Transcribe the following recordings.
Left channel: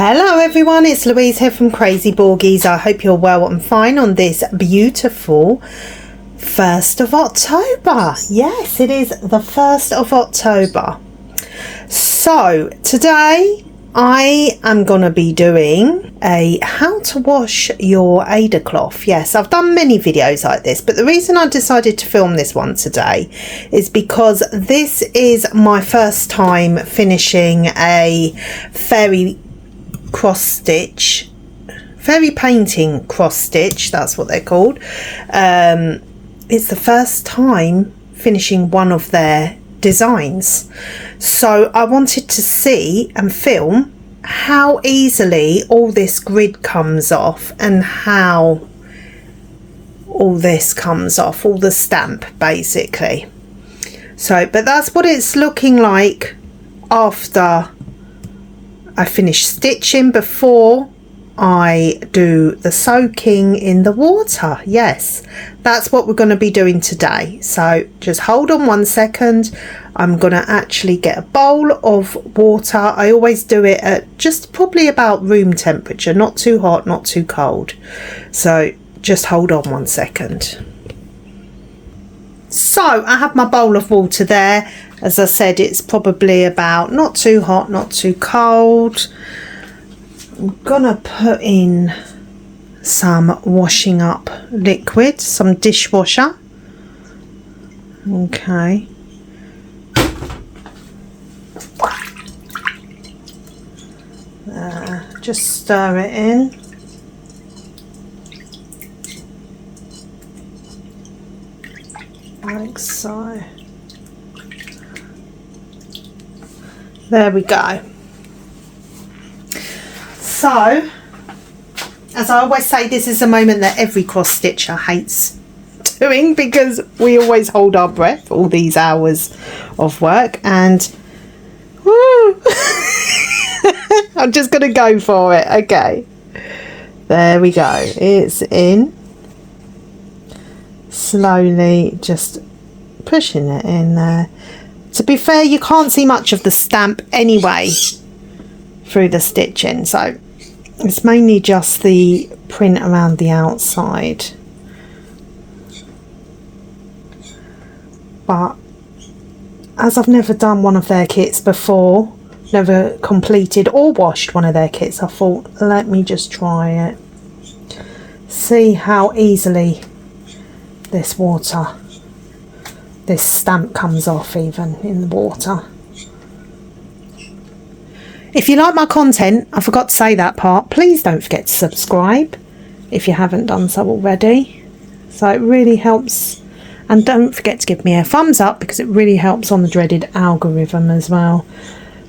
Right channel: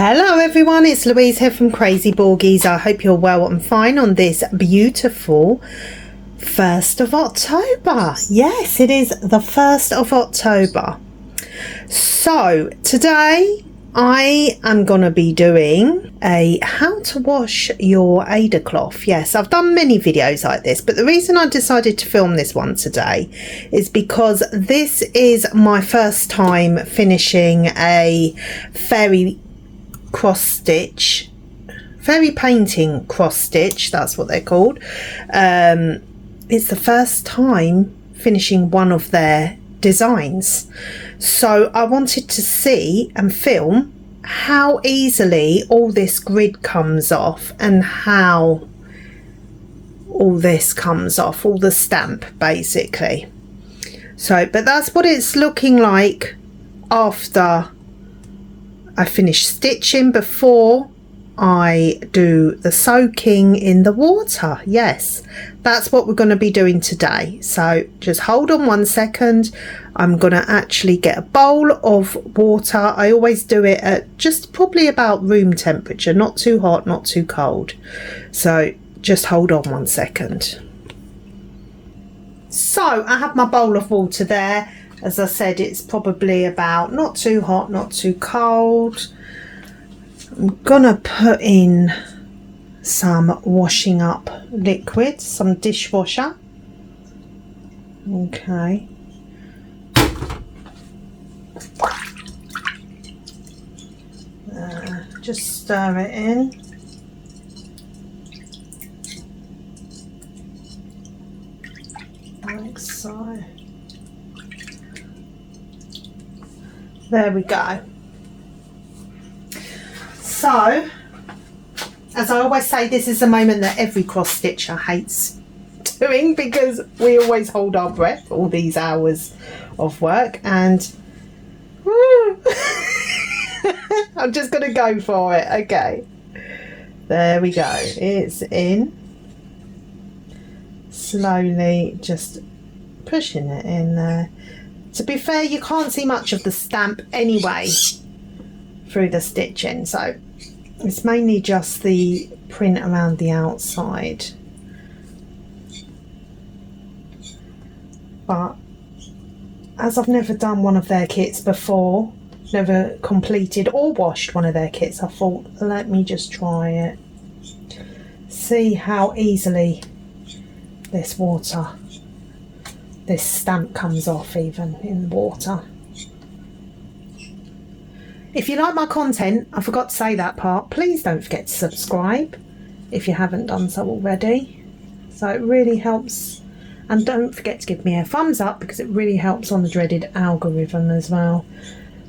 Hello everyone, it's Louise here from Crazy Borgies. I hope you're well and fine on this beautiful 1st of October. Yes, it is the 1st of October. So today I am going to be doing a how to wash your Aida cloth. Yes, I've done many videos like this, but the reason I decided to film this one today is because this is my first time finishing a fairy painting cross stitch, that's what they're called. It's the first time finishing one of their designs, so I wanted to see and film how easily all this grid comes off and how all this comes off, all the stamp basically. So but that's what it's looking like after I finish stitching, before I do the soaking in the water. Yes, that's what we're going to be doing today. So just hold on 1 second. I'm going to actually get a bowl of water. I always do it at just probably about room temperature, not too hot, not too cold. So just hold on 1 second. So I have my bowl of water there. As I said, it's probably about not too hot, not too cold. I'm gonna put in some washing up liquid, some dishwasher. Okay. Just stir it in. Like so. There we go. So, as I always say, this is a moment that every cross stitcher hates doing, because we always hold our breath all these hours of work, and woo, I'm just going to go for it. Okay, there we go. It's in. Slowly just pushing it in there. To be fair, you can't see much of the stamp anyway through the stitching, so it's mainly just the print around the outside. But as I've never done one of their kits before, never completed or washed one of their kits, I thought, let me just try it. See how easily this stamp comes off even in the water. If you like my content, I forgot to say that part, please don't forget to subscribe if you haven't done so already. So it really helps, and don't forget to give me a thumbs up because it really helps on the dreaded algorithm as well.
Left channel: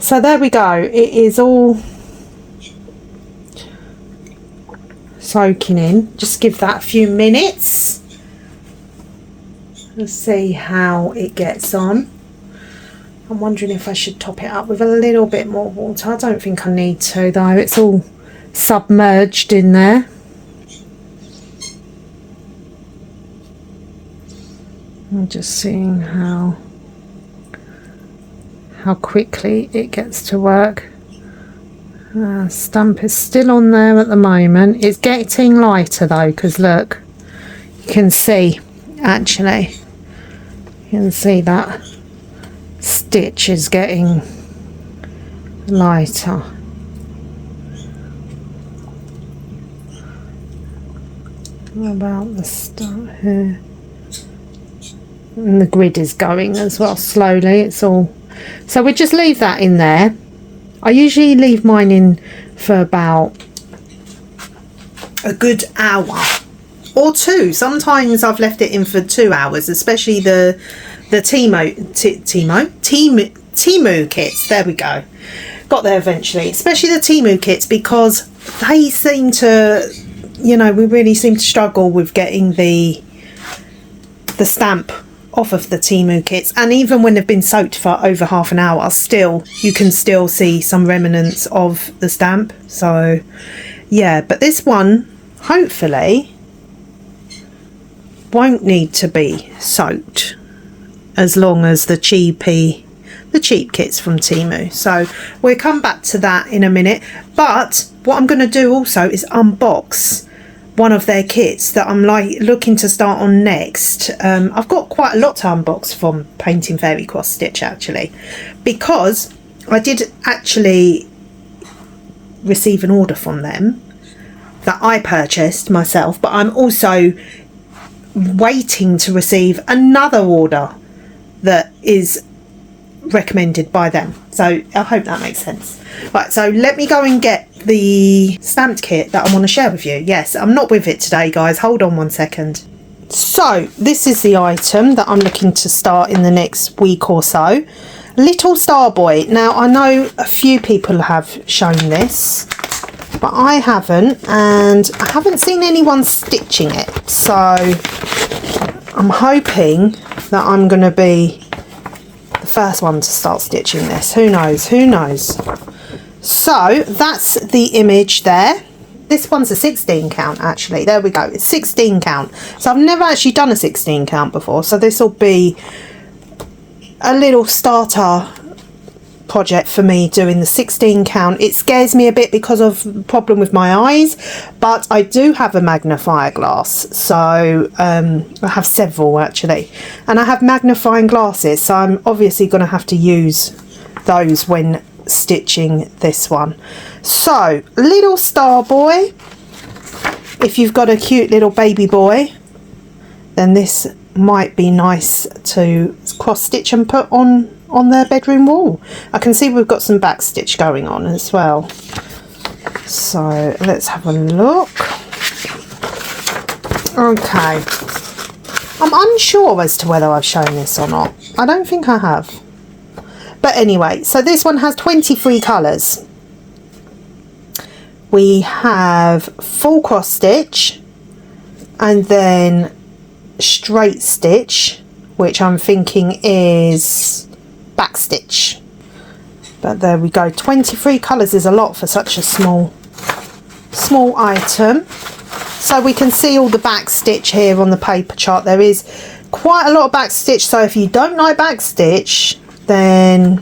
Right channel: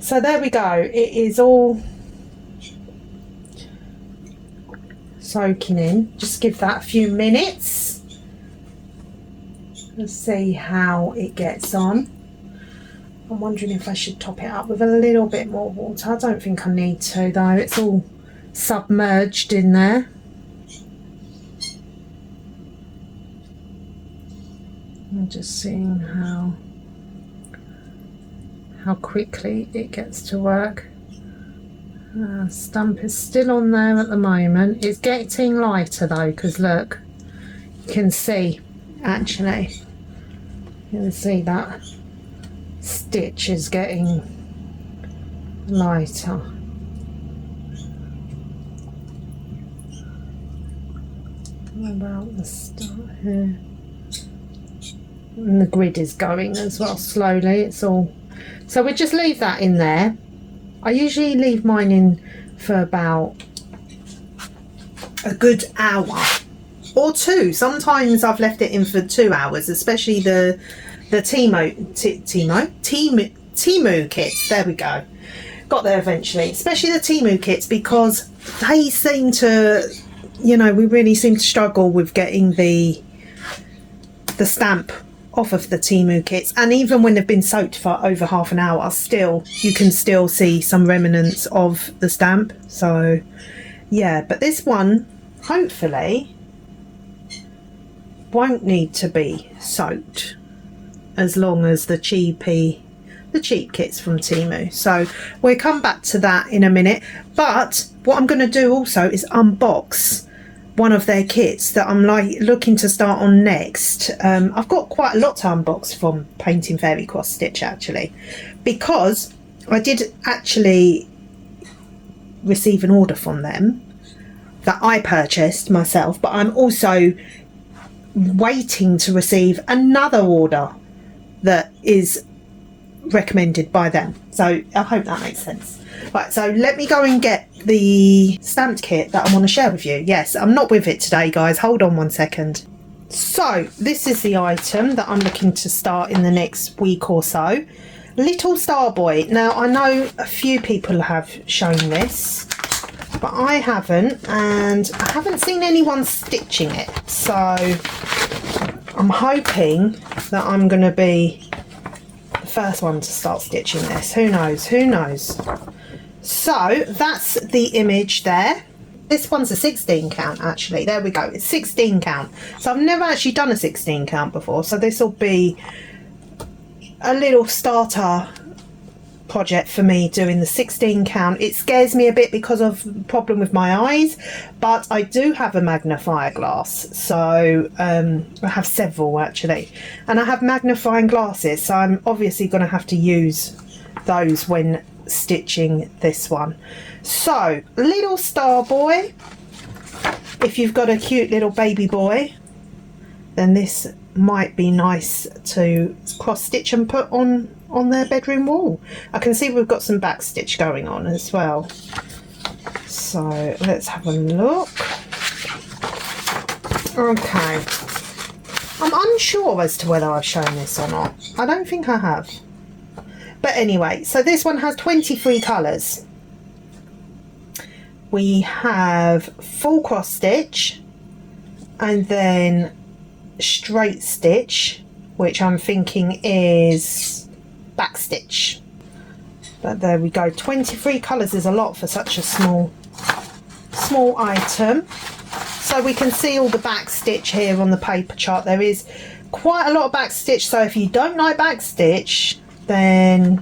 So there we go, it is all soaking in. Just give that a few minutes. Let's see how it gets on. I'm wondering if I should top it up with a little bit more water. I don't think I need to though, it's all submerged in there. I'm just seeing how quickly it gets to work. Stamp is still on there at the moment. It's getting lighter though, because look, you can see actually. You can see that stitch is getting lighter. What about the start here? And the grid is going as well slowly. It's all, so we just leave that in there. I usually leave mine in for about a good hour or two. Sometimes I've left it in for 2 hours, especially the Temu kits. There we go, got there eventually. Especially the Temu kits, because they seem to, you know, we really seem to struggle with getting the stamp off of the Temu kits, and even when they've been soaked for over half an hour, still you can still see some remnants of the stamp. So yeah, but this one hopefully won't need to be soaked, as long as the cheapy the cheap kits from Temu. So we'll come back to that in a minute, but what I'm going to do also is unbox one of their kits that I'm like looking to start on next. I've got quite a lot to unbox from Painting Fairy Cross Stitch actually, because I did actually receive an order from them that I purchased myself, but I'm also waiting to receive another order that is recommended by them. So I hope that makes sense. Right, so let me go and get the stamped kit that I want to share with you. Yes, I'm not with it today, guys. Hold on one second. So this is the item that I'm looking to start in the next week or so. Little Star Boy. Now I know a few people have shown this, but I haven't, and I haven't seen anyone stitching it. So I'm hoping that I'm going to be the first one to start stitching this. Who knows? Who knows? So that's the image there. This one's a 16 count actually. There we go. It's 16 count. So I've never actually done a 16 count before. So this will be a little starter project for me doing the 16 count. It scares me a bit because of the problem with my eyes, but I do have a magnifier glass. So I have several actually, and I have magnifying glasses. So I'm obviously going to have to use those when stitching this one. So Little Star Boy, if you've got a cute little baby boy, then this might be nice to cross stitch and put on their bedroom wall. I can see we've got some back stitch going on as well. So let's have a look. Okay, I'm unsure as to whether I've shown this or not. I don't think I have. But anyway, so this one has 23 colours. We have full cross stitch and then straight stitch, which I'm thinking is back stitch. But there we go. 23 colours is a lot for such a small item. So we can see all the back stitch here on the paper chart. There is quite a lot of back stitch. So if you don't like back stitch, then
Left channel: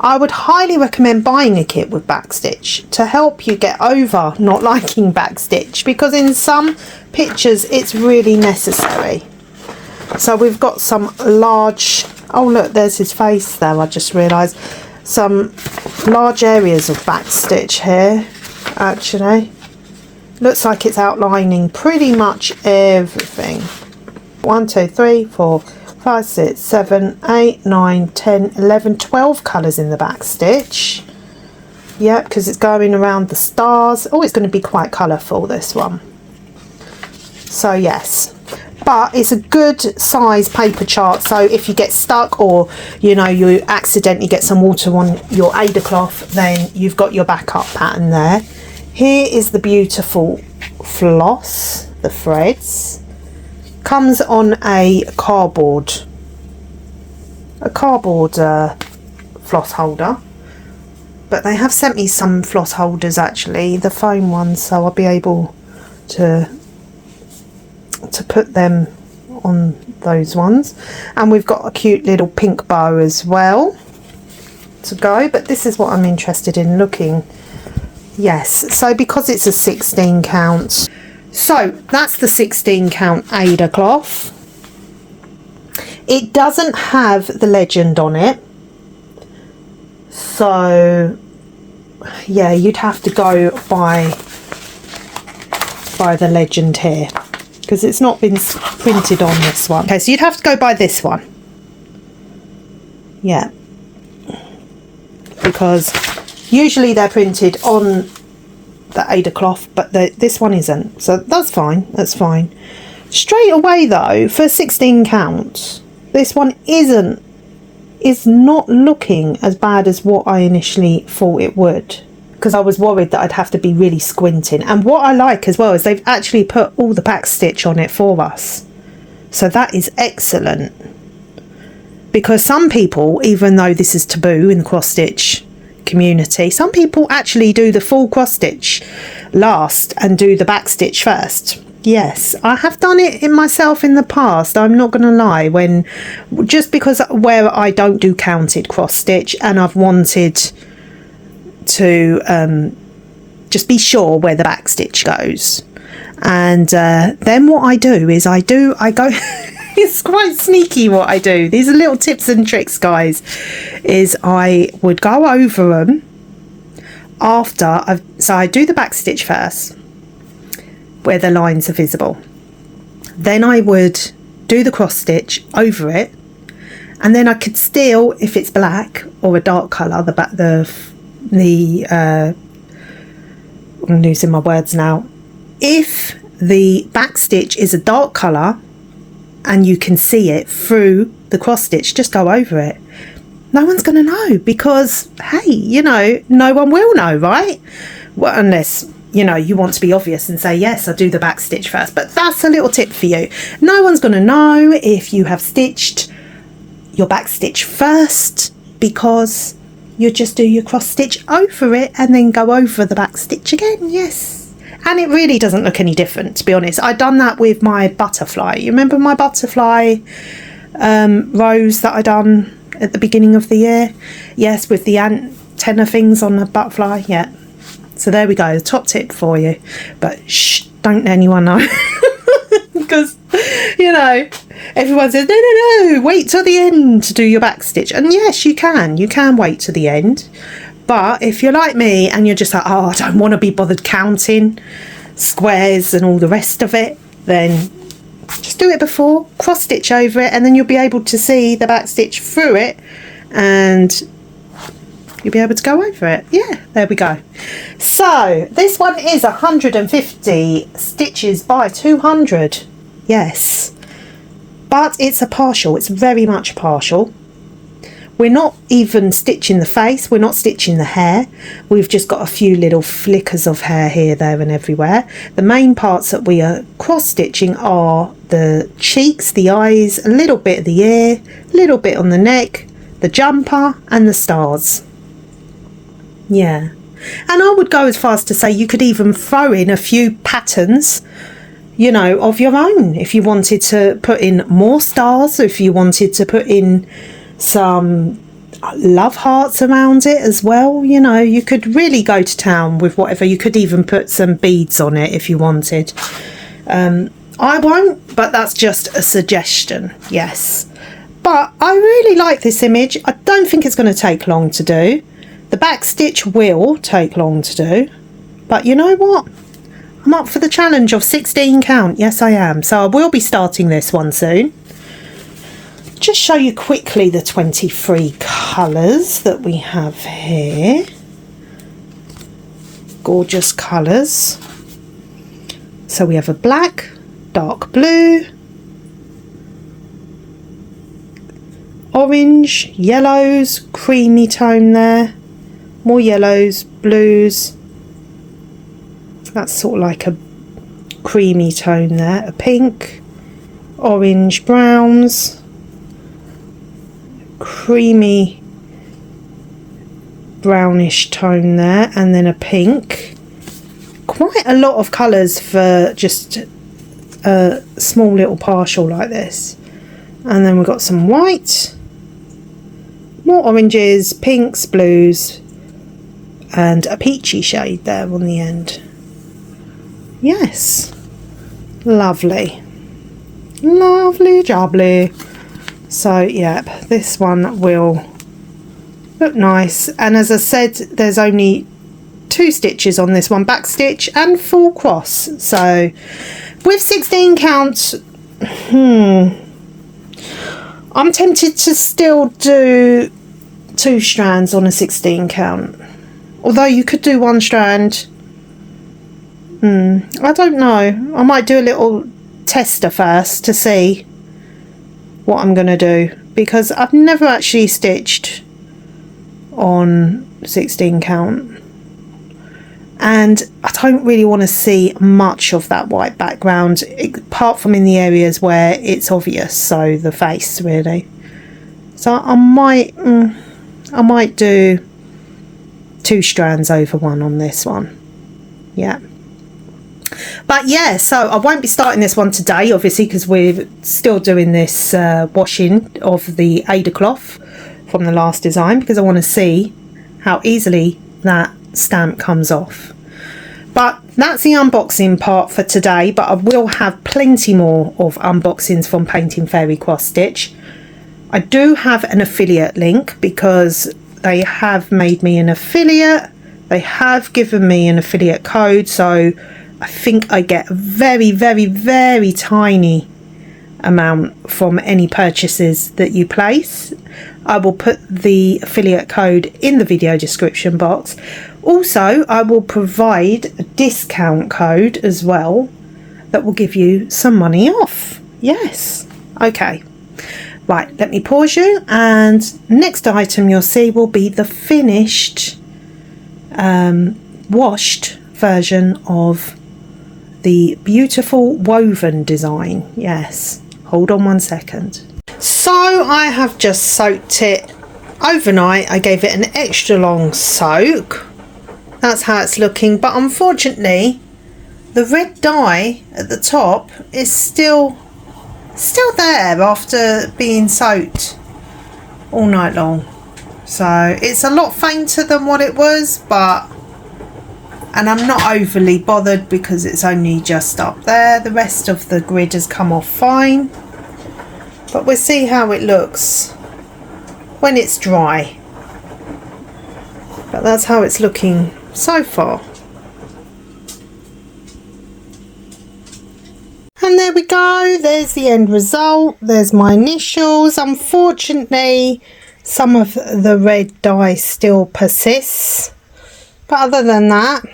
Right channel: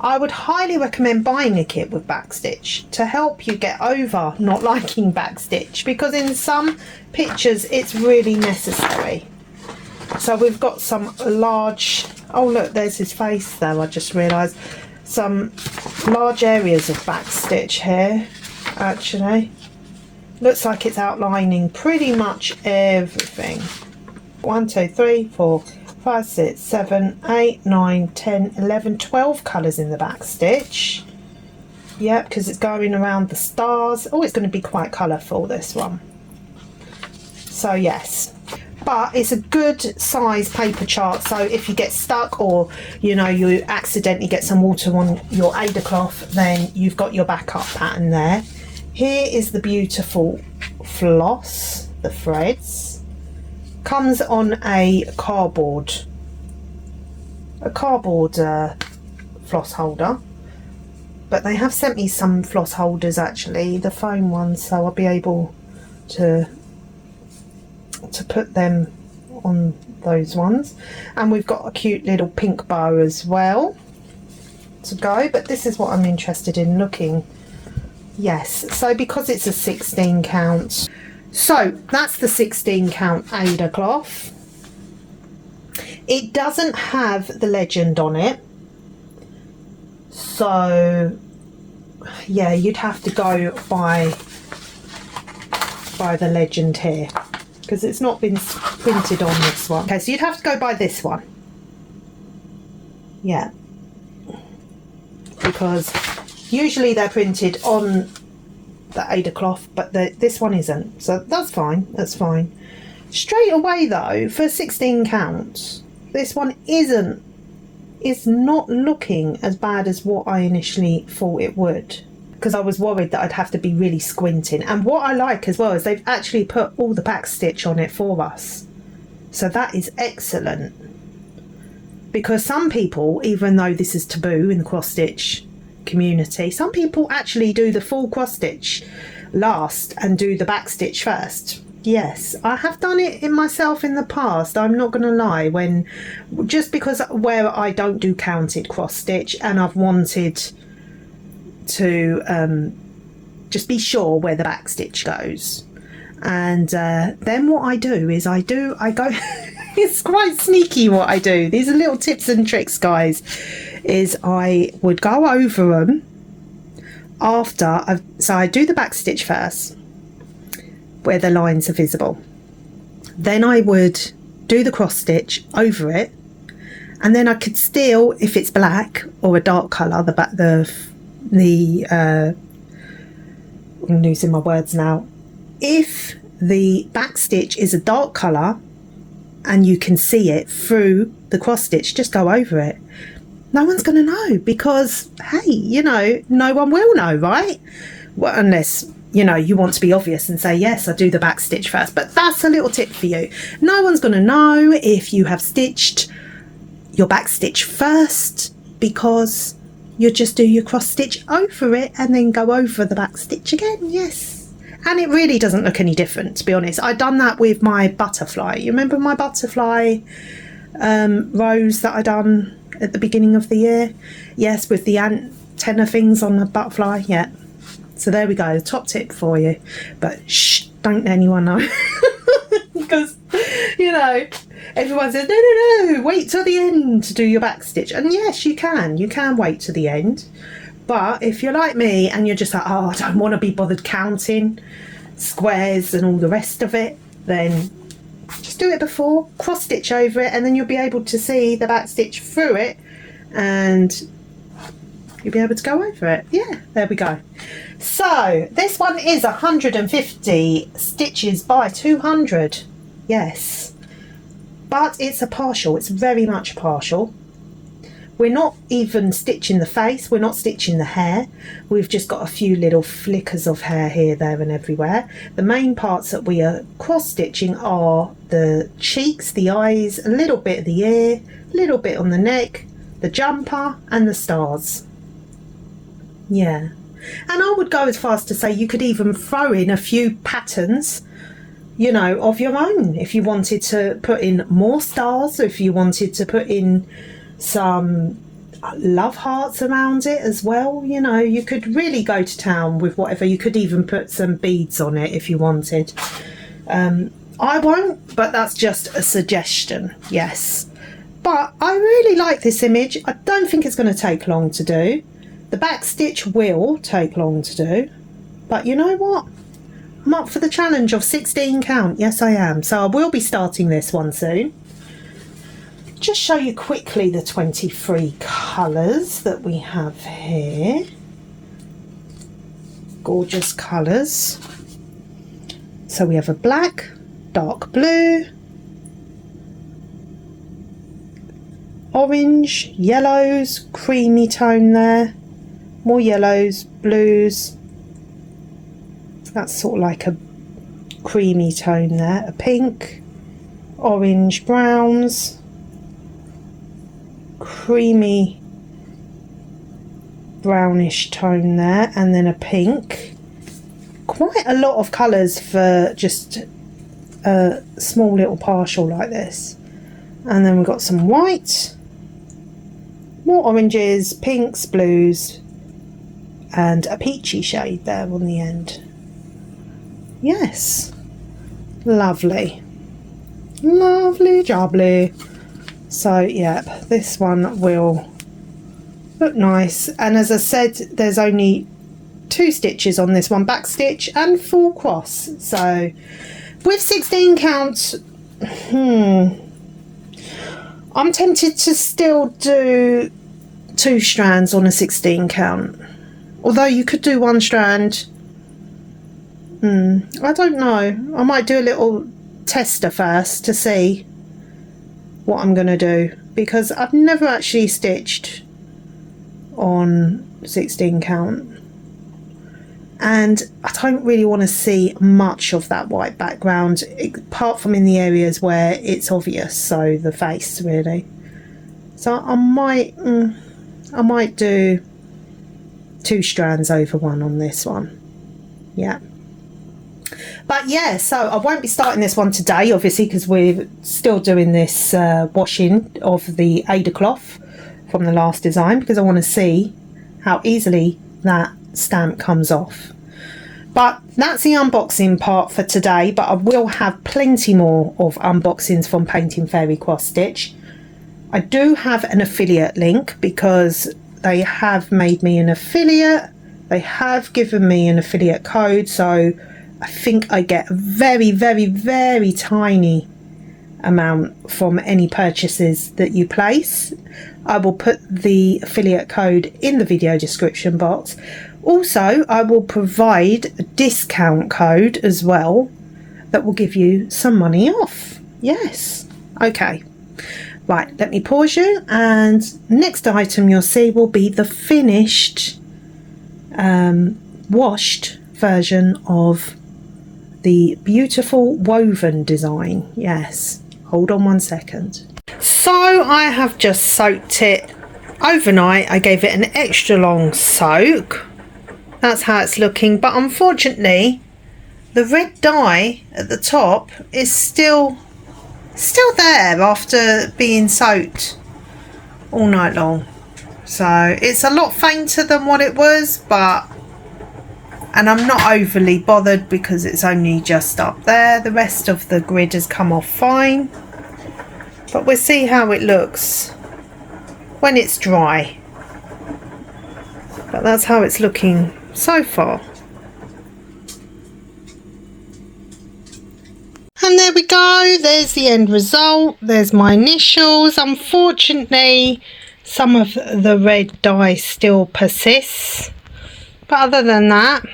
I would highly recommend buying a kit with back stitch to help you get over not liking back stitch, because in some pictures it's really necessary. So we've got some large, oh look, there's his face there, I just realised. Some large areas of back stitch here actually. Looks like it's outlining pretty much everything. 1, 2, 3, 4, 5, 6, 7, 8, 9, 10, 11, 12 colours in the back stitch. Yeah, because it's going around the stars. Oh, it's going to be quite colourful, this one. So yes, but it's a good size paper chart. So if you get stuck, or you know, you accidentally get some water on your Ada cloth, then you've got your backup pattern there. Here is the beautiful floss, the threads. Comes on a cardboard floss holder, but they have sent me some floss holders actually, the foam ones, so I'll be able to put them on those ones. And we've got a cute little pink bow as well to go, but this is what I'm interested in looking. Yes, so because it's a 16 count, so that's the 16 count Ada cloth. It doesn't have the legend on it, so yeah, you'd have to go by the legend here, because it's not been printed on this one. Okay, so you'd have to go by this one. Yeah, because usually they're printed on the Ada cloth, but this one isn't, so that's fine. That's fine. Straight away though, for 16 count, this one is not looking as bad as what I initially thought it would, because I was worried that I'd have to be really squinting. And what I like as well is they've actually put all the back stitch on it for us, so that is excellent. Because some people, even though this is taboo in the cross stitch community, some people actually do the full cross stitch last and do the back stitch first. Yes, I have done it in myself in the past. I'm not going to lie, when just because where I don't do counted cross stitch, and I've wanted to just be sure where the back stitch goes. And then what I do is I go it's quite sneaky what I do. These are little tips and tricks, guys. Is I would go over them after so I do the back stitch first, where the lines are visible. Then I would do the cross stitch over it, and then I could still, if it's black or a dark colour, I'm losing my words now. If the back stitch is a dark colour and you can see it through the cross stitch, just go over it. No one's going to know, because hey, you know, no one will know, right? Well, unless, you know, you want to be obvious and say, yes, I do the back stitch first. But that's a little tip for you. No one's going to know if you have stitched your back stitch first, because you just do your cross stitch over it and then go over the back stitch again. Yes, and it really doesn't look any different, to be honest. I've done that with my butterfly. You remember my butterfly rose that I done at the beginning of the year? Yes, with the antenna things on the butterfly. Yeah, so there we go, the top tip for you. But shh, don't let anyone know. Because, you know, everyone says, no, wait till the end to do your back stitch. And yes, you can wait to the end. But if you're like me and you're just like, oh, I don't want to be bothered counting squares and all the rest of it, then just do it before, cross stitch over it, and then you'll be able to see the back stitch through it, and you'll be able to go over it. Yeah, there we go. So this one is 150 stitches by 200. Yes, but it's a partial. It's very much partial. We're not even stitching the face, we're not stitching the hair. We've just got a few little flickers of hair here, there and everywhere. The main parts that we are cross stitching are the cheeks, the eyes, a little bit of the ear, a little bit on the neck, the jumper and the stars. Yeah, and I would go as far as to say you could even throw in a few patterns, you know, of your own. If you wanted to put in more stars, if you wanted to put in some love hearts around it as well, you know, you could really go to town with whatever. You could even put some beads on it if you wanted. I won't, but that's just a suggestion. Yes, but I really like this image. I don't think it's going to take long to do. The back stitch will take long to do, but you know what, I'm up for the challenge of 16 count. Yes, I am. So I will be starting this one soon. Just show you quickly the 23 colours that we have here. Gorgeous colours. So we have a black, dark blue, orange, yellows, creamy tone there, more yellows, blues. That's sort of like a creamy tone there, a pink, orange, browns, creamy brownish tone there, and then a pink. Quite a lot of colours for just a small little partial like this. And then we've got some white, more oranges, pinks, blues, and a peachy shade there on the end. Yes, lovely, lovely jubbly. So yeah, this one will look nice. And as I said, there's only 2 stitches on this one, back stitch and full cross. So with 16 count, I'm tempted to still do 2 strands on a 16 count, although you could do 1 strand. I don't know, I might do a little tester first to see what I'm going to do, because I've never actually stitched on 16 count, and I don't really want to see much of that white background, apart from in the areas where it's obvious, so the face really. So I might do 2 strands over 1 on this one. Yeah, But yeah, so I won't be starting this one today, obviously, because we're still doing this washing of the Ada cloth from the last design, because I want to see how easily that stamp comes off. But that's the unboxing part for today, but I will have plenty more of unboxings from Painting Fairy Cross Stitch. I do have an affiliate link because they have made me an affiliate. They have given me an affiliate code, so I think I get a very, very, very tiny amount from any purchases that you place. I will put the affiliate code in the video description box. Also, I will provide a discount code as well that will give you some money off. Yes. Okay. Right, let me pause you, and next item you'll see will be the finished washed version of the beautiful woven design. Yes, hold on 1 second. So I have just soaked it overnight. I gave it an extra long soak. That's how it's looking, but unfortunately the red dye at the top is still there after being soaked all night long. So it's a lot fainter than what it was, and I'm not overly bothered because it's only just up there. The rest of the grid has come off fine, but we'll see how it looks when it's dry. But that's how it's looking so far. And there we go, there's the end result. There's my initials. Unfortunately, some of the red dye still persists, but other than that,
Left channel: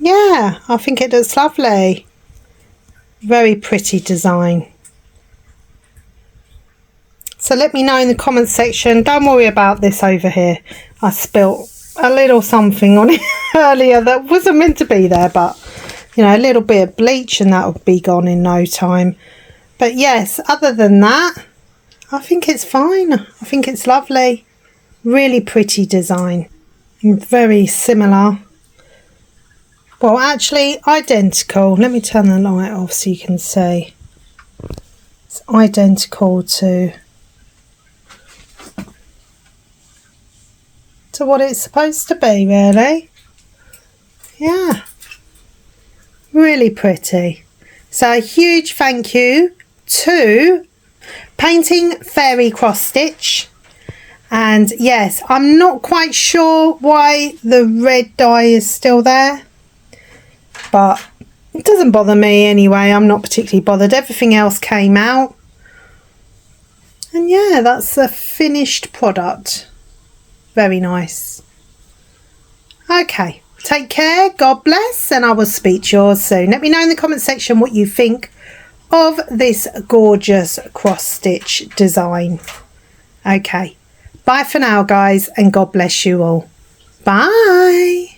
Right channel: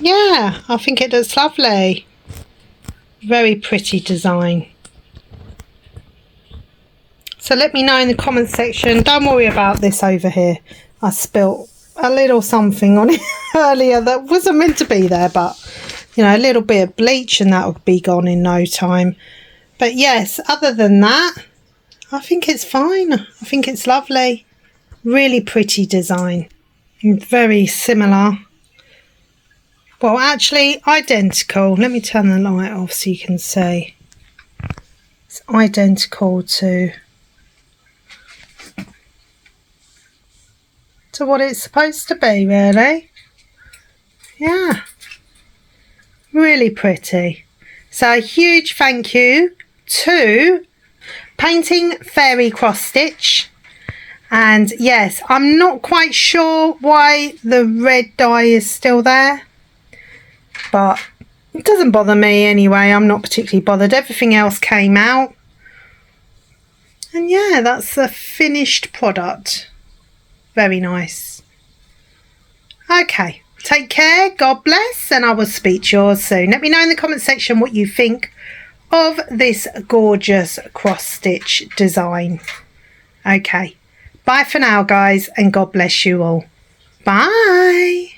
yeah, I think it looks lovely. Very pretty design. So let me know in the comments section. Don't worry about this over here. I spilt a little something on it earlier that wasn't meant to be there, but you know, a little bit of bleach and that would be gone in no time. But yes, other than that, I think it's fine. I think it's lovely. Really pretty design. Very similar. Well, actually identical. Let me turn the light off so you can see. It's identical to what it's supposed to be, really. Yeah. Really pretty. So a huge thank you to Painting Fairy Cross Stitch. And yes, I'm not quite sure why the red dye is still there, but it doesn't bother me anyway. I'm not particularly bothered. Everything else came out. And yeah, that's the finished product. Very nice. Okay, take care, God bless, and I will speak to you all soon. Let me know in the comment section what you think of this gorgeous cross stitch design. Okay, bye for now guys, and God bless you all. Bye.